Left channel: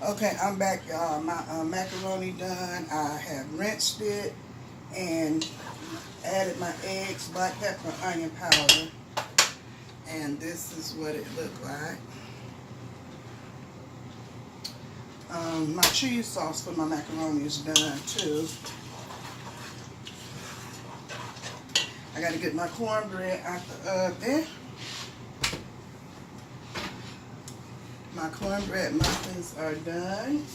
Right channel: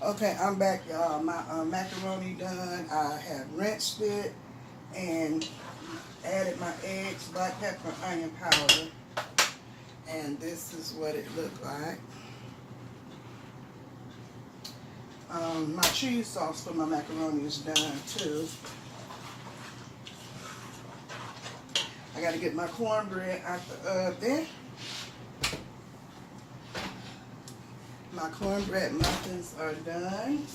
Okay, I'm back, y'all. My macaroni done. I have rinsed it and added my eggs, black pepper, onion powder, and this is what it looked like. My cheese sauce for my macaroni is done too. I got to get my cornbread out the oven. My cornbread muffins are done.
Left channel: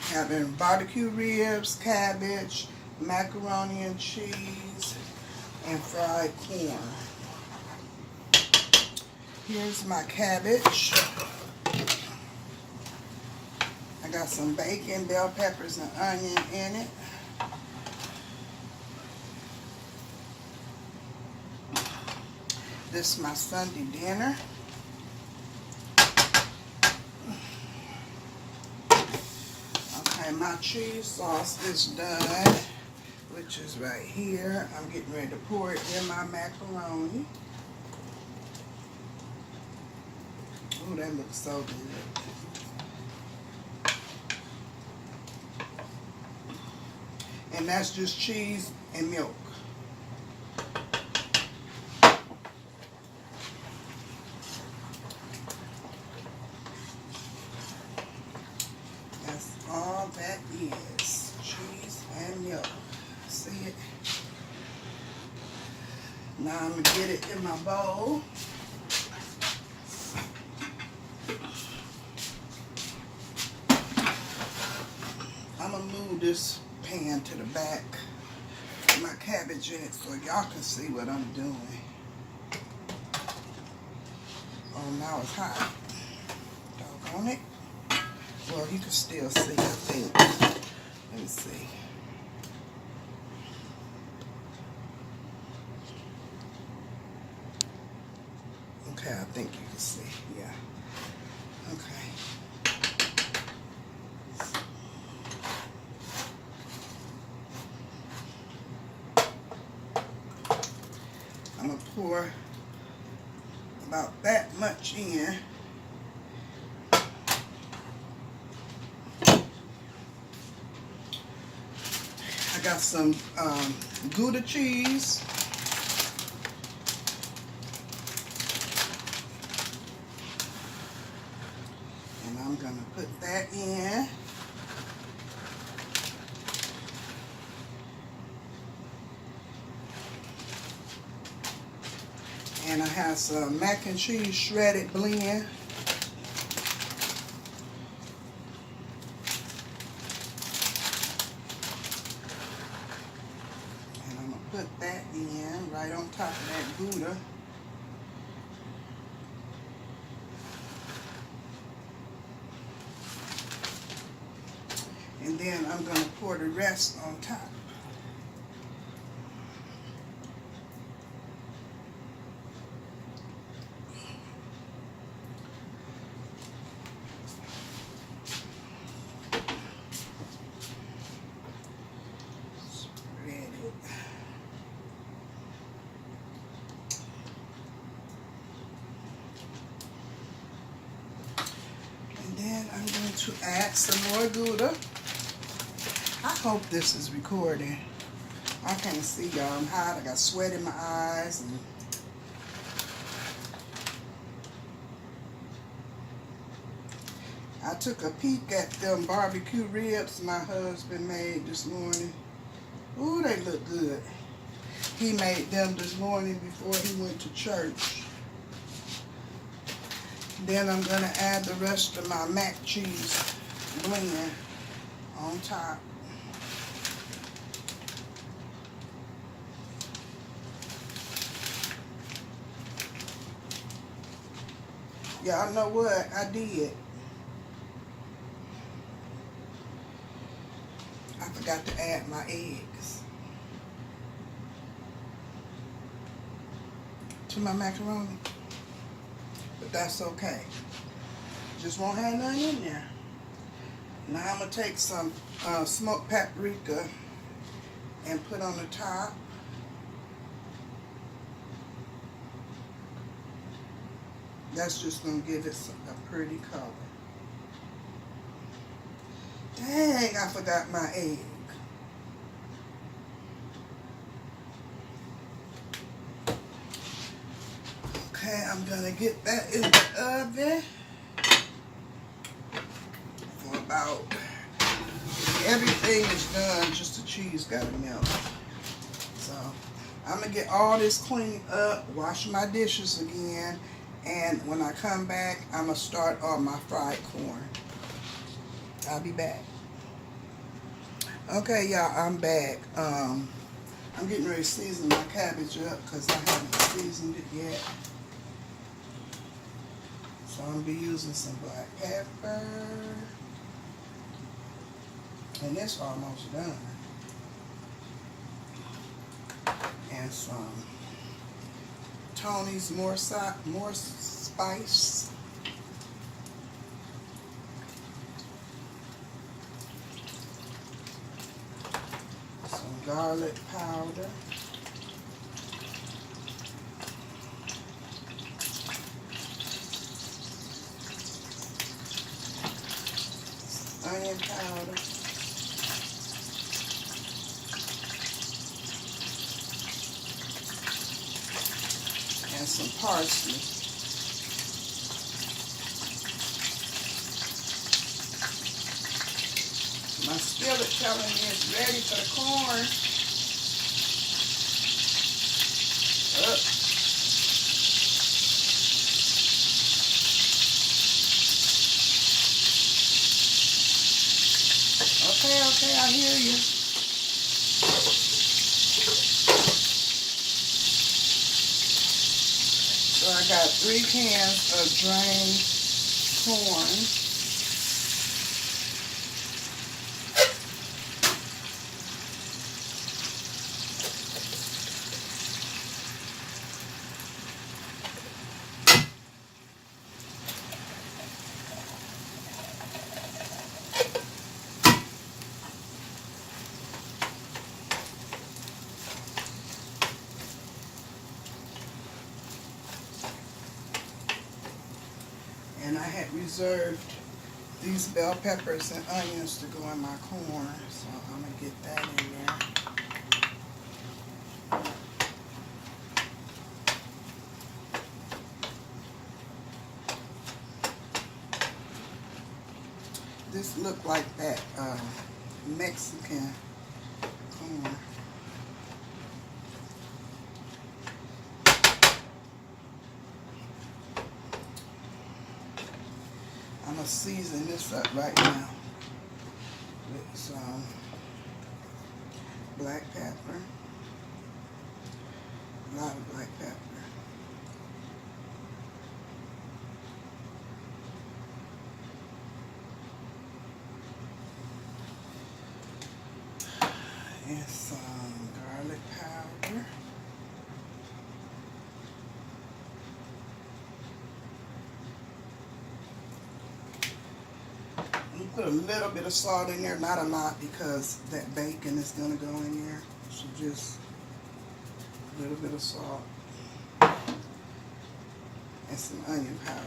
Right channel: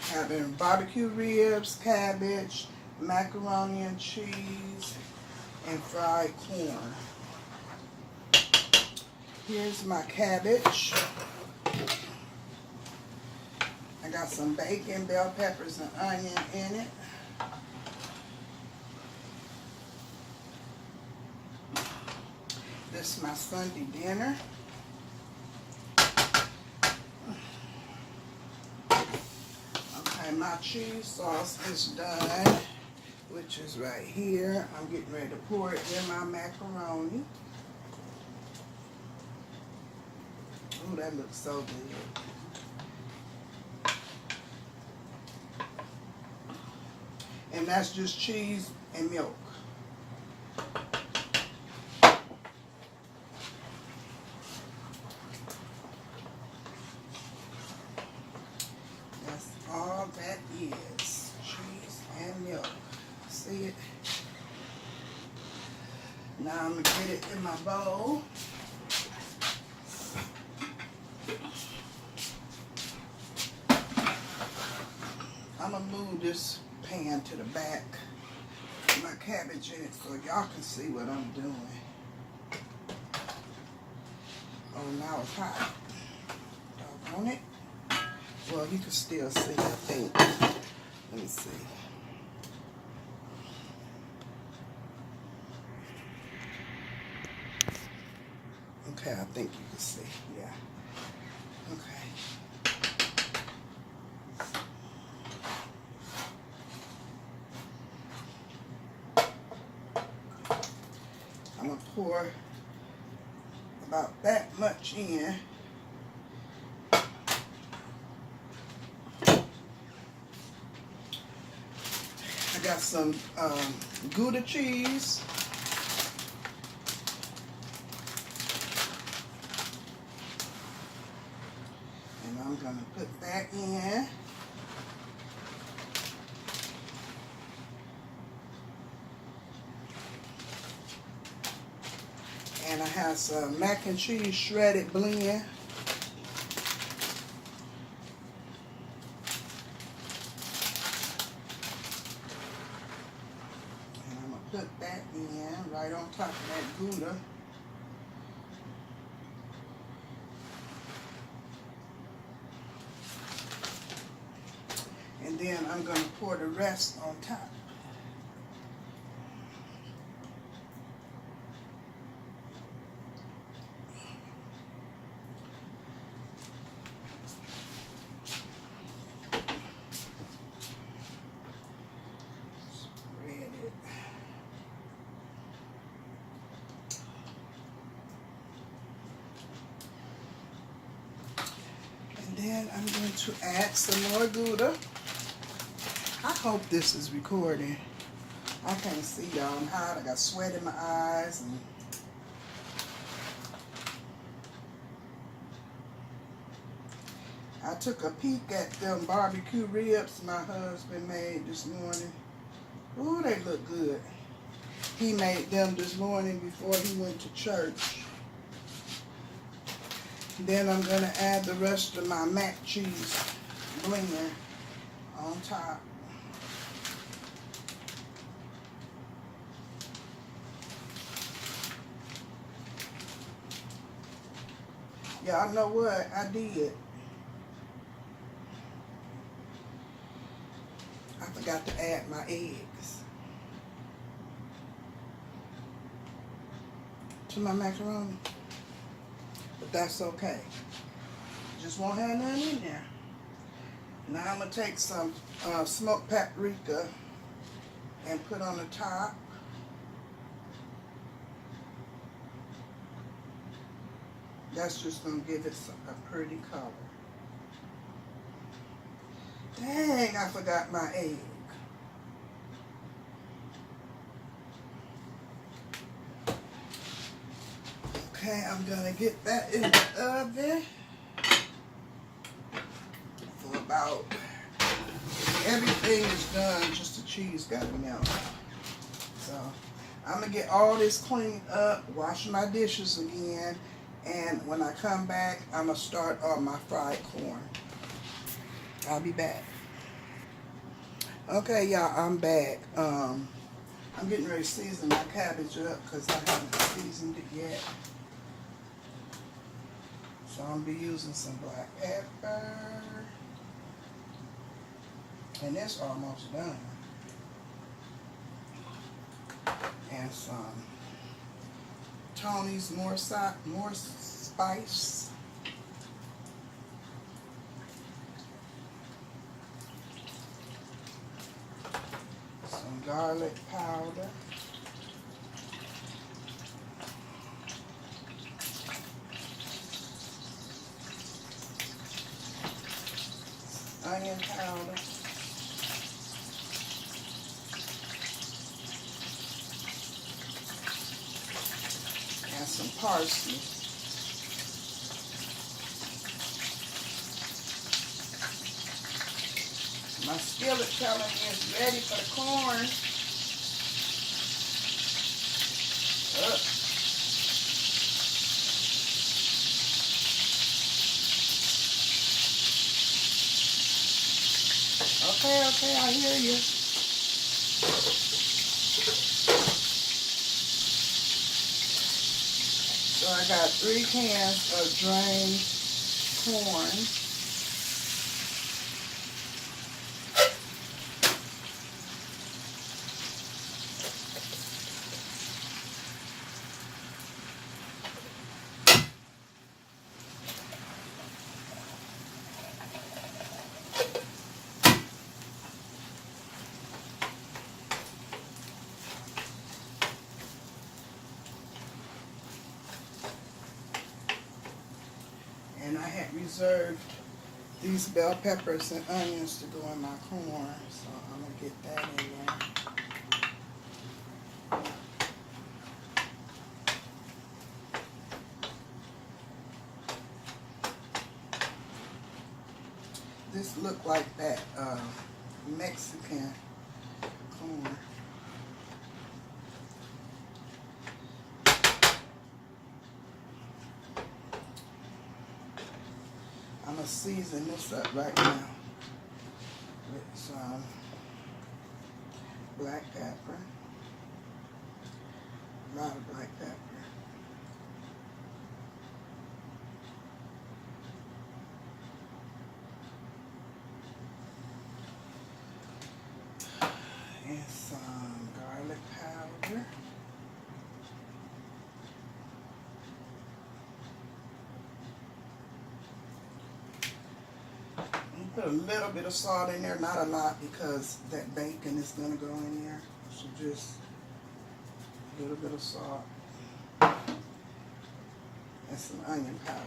Having barbecue ribs, cabbage, macaroni and cheese, and fried corn. Here's my cabbage. I got some bacon, bell peppers, and onion in it. This is my Sunday dinner. Okay, my cheese sauce is done, which is right here. I'm getting ready to pour it in my macaroni. Oh, that looks so good. And that's just cheese and milk. That's all that is, cheese and milk. See it? Now I'm gonna get it in my bowl. I'm gonna move this pan to the back. Put my cabbage in it so y'all can see what I'm doing. Oh, now it's hot. Doggone it. Well, you can still see, I think. Let me see. Okay, I think you can see. Yeah. Okay. I'm going to pour about that much in. I got some Gouda cheese. And I'm going to put that in. And I have some mac and cheese shredded blend. And I'm going to put that in right on top of that Gouda. And then I'm going to pour the rest on top. Then I'm going to add some more Gouda. I hope this is recording. I can't see y'all. I'm hot. I got sweat in my eyes. And I took a peek at them barbecue ribs my husband made this morning. Ooh, they look good. He made them this morning before he went to church. Then I'm going to add the rest of my mac cheese blend on top. Y'all know what I did? I forgot to add my eggs to my macaroni. But that's okay. Just won't have none in there. Now I'm going to take some smoked paprika and put on the top. That's just gonna give it a pretty color. Dang, I forgot my egg. Okay, I'm gonna get that in the oven for about, everything is done, just the cheese gotta melt. So I'm gonna get all this cleaned up, wash my dishes again, and when I come back, I'm gonna start on my fried corn. I'll be back. Okay, y'all, I'm back. I'm getting ready to season my cabbage up because I haven't seasoned it yet. So I'm gonna be using some black pepper. And it's almost done. And some Tony's more spice. Some garlic powder. Onion powder. And some parsley. My skillet telling me it's ready for the corn. Up. Okay, I hear you. So I got 3 cans of drained corn. And I had reserved these bell peppers and onions to go in my corn, so I'm going to get that in there. This looked like that Mexican corn. I'm going to season this up right now with some black pepper, a lot of black pepper. And some garlic powder. Put a little bit of salt in there, not a lot because that bacon is going to go in there. So just a little bit of salt and some onion powder.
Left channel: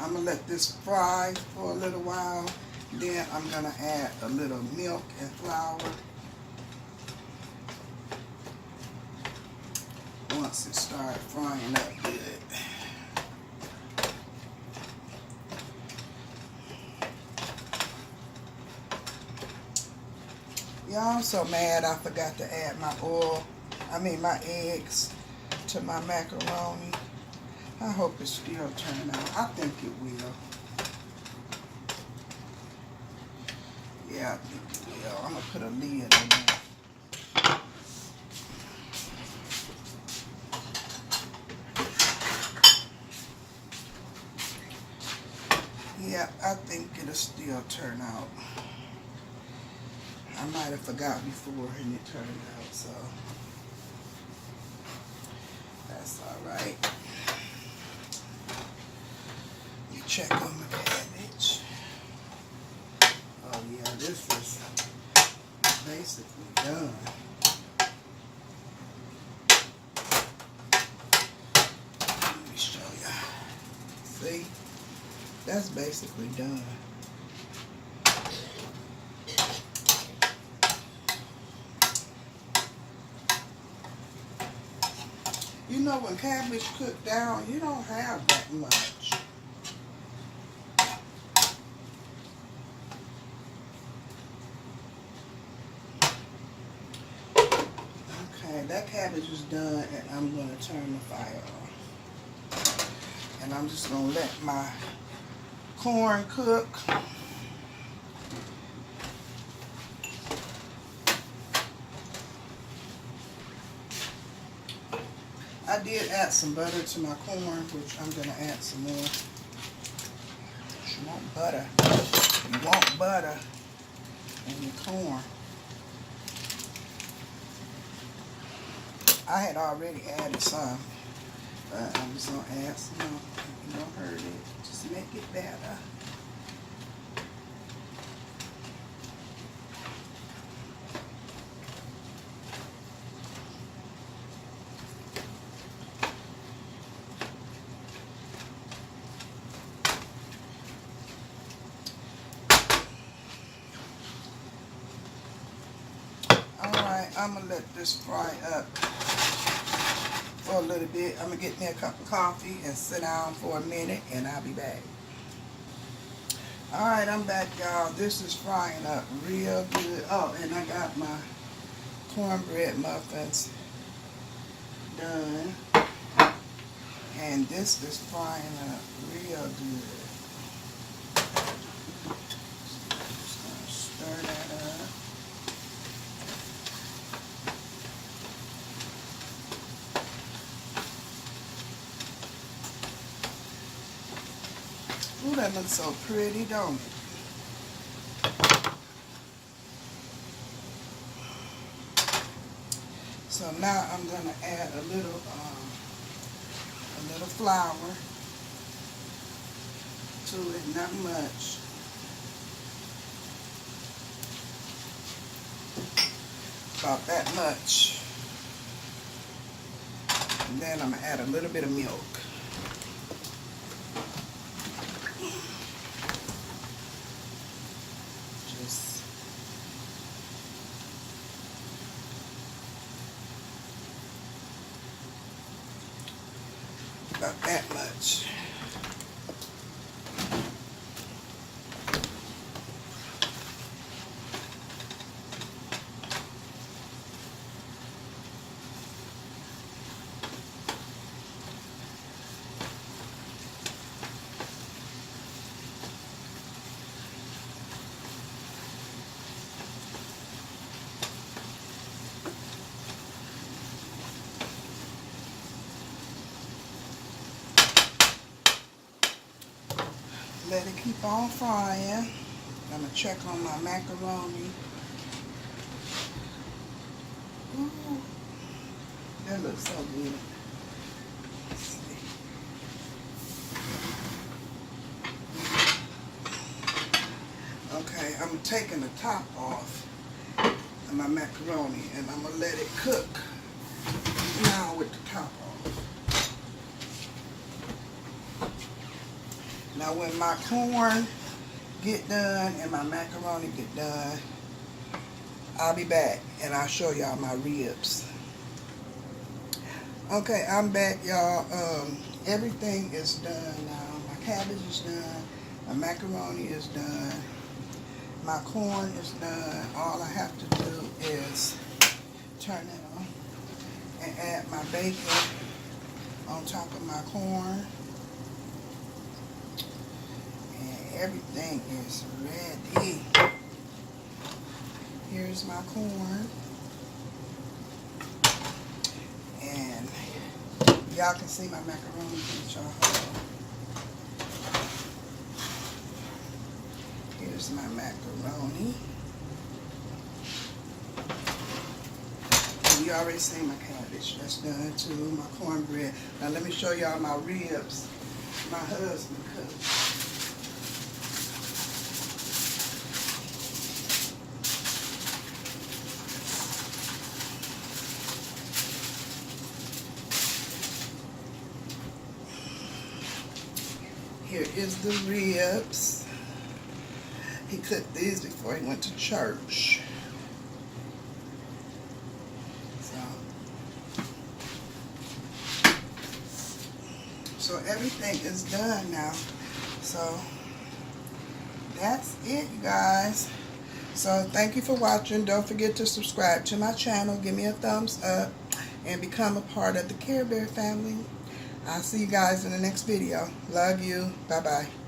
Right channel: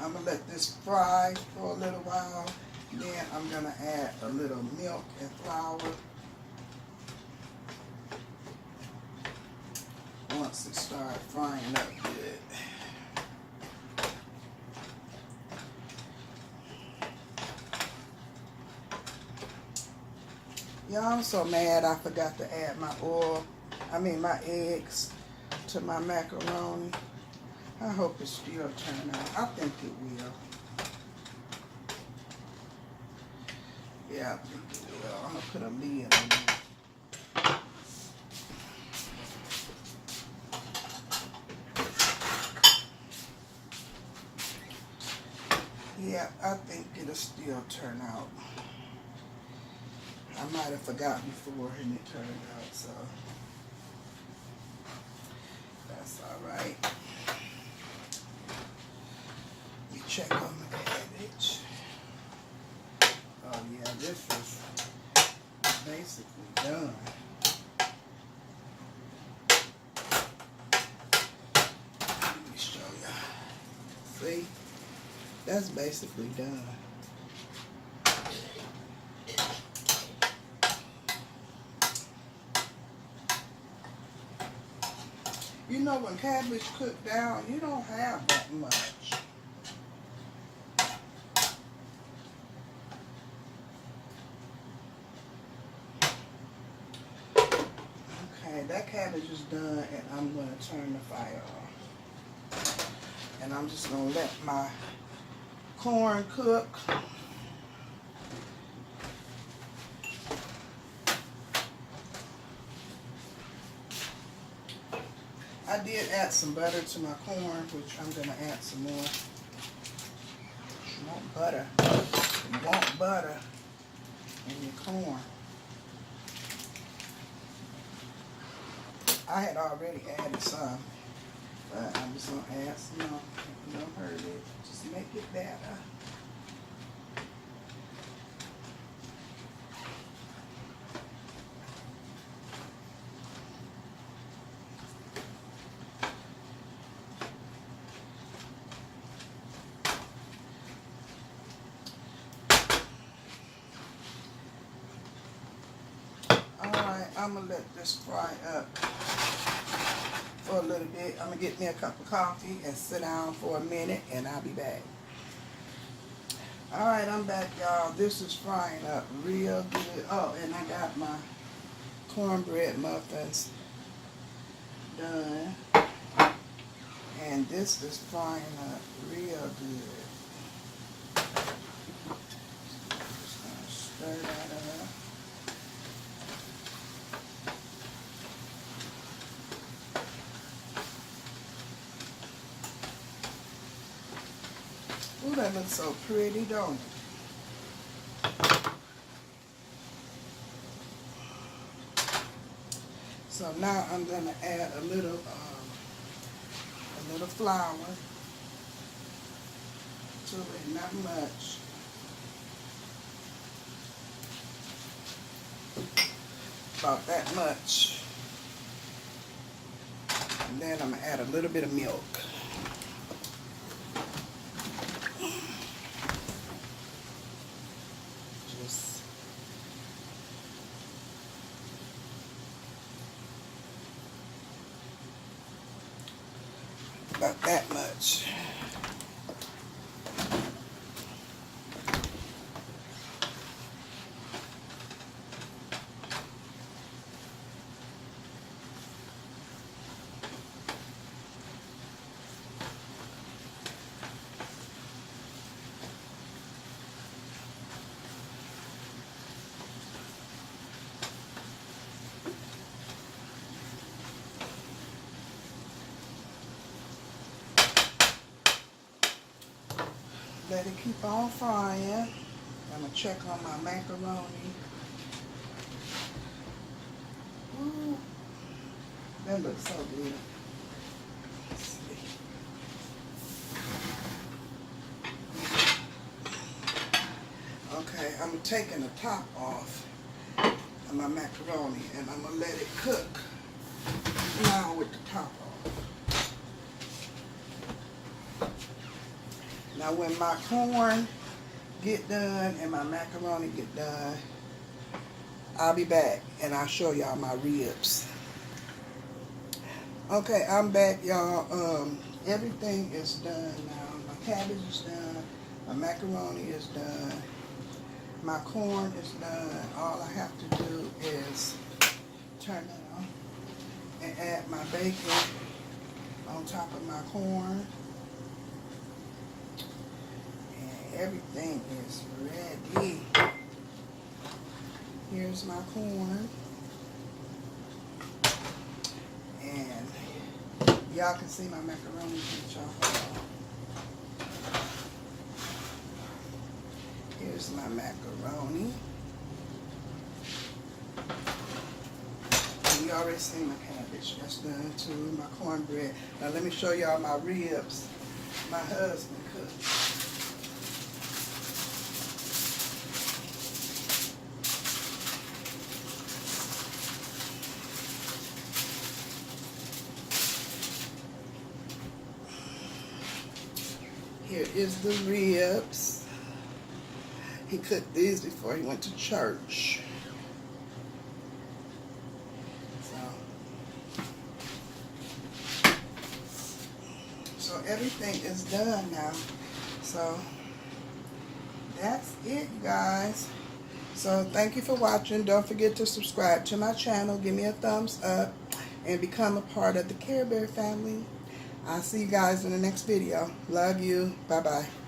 I'm going to let this fry for a little while. Then I'm going to add a little milk and flour. Once it starts frying up good. Y'all, I'm so mad I forgot to add my my eggs to my macaroni. I hope it still turn out. I think it will. Yeah, I think it will. I'm gonna put a lid on there. Yeah, I think it'll still turn out. I might have forgot before and it turned out, so that's all right. Let me check on the cabbage. Yeah, this is basically done. Let me show you. See? That's basically done. You know, when cabbage cooked down, you don't have that much. Okay, that cabbage is done, and I'm going to turn the fire off. And I'm just going to let my corn cook. I did add some butter to my corn, which I'm going to add some more. You want butter. You want butter in your corn. I had already added some, but I'm just going to add some more. You don't hurt it. Just make it better. I'm going to let this fry up for a little bit. I'm going to get me a cup of coffee and sit down for a minute, and I'll be back. Alright, I'm back, y'all. This is frying up real good. Oh, and I got my cornbread muffins done. And this is frying up real good. Just going to stir that up. Ooh, that looks so pretty, don't it? So now I'm going to add a little flour to it, not much. About that much. And then I'm going to add a little bit of milk. About that much. Let it keep on frying. I'm going to check on my macaroni. Ooh, that looks so good. Let's see. Okay, I'm taking the top off of my macaroni, and I'm going to let it cook now with the top off. Now when my corn get done and my macaroni get done, I'll be back and I'll show y'all my ribs. Okay, I'm back, y'all. Everything is done now. My cabbage is done. My macaroni is done. My corn is done. All I have to do is turn it on and add my bacon on top of my corn. Everything is ready. Here's my corn. And y'all can see my macaroni. Here's my macaroni. And you already seen my cabbage. That's done too. My cornbread. Now let me show y'all my ribs. My husband cooked. Here is the ribs. He cooked these before he went to church. So everything is done now. So that's it, you guys. So thank you for watching. Don't forget to subscribe to my channel. Give me a thumbs up and become a part of the Care Bear family. I'll see you guys in the next video. Love you. Bye-bye.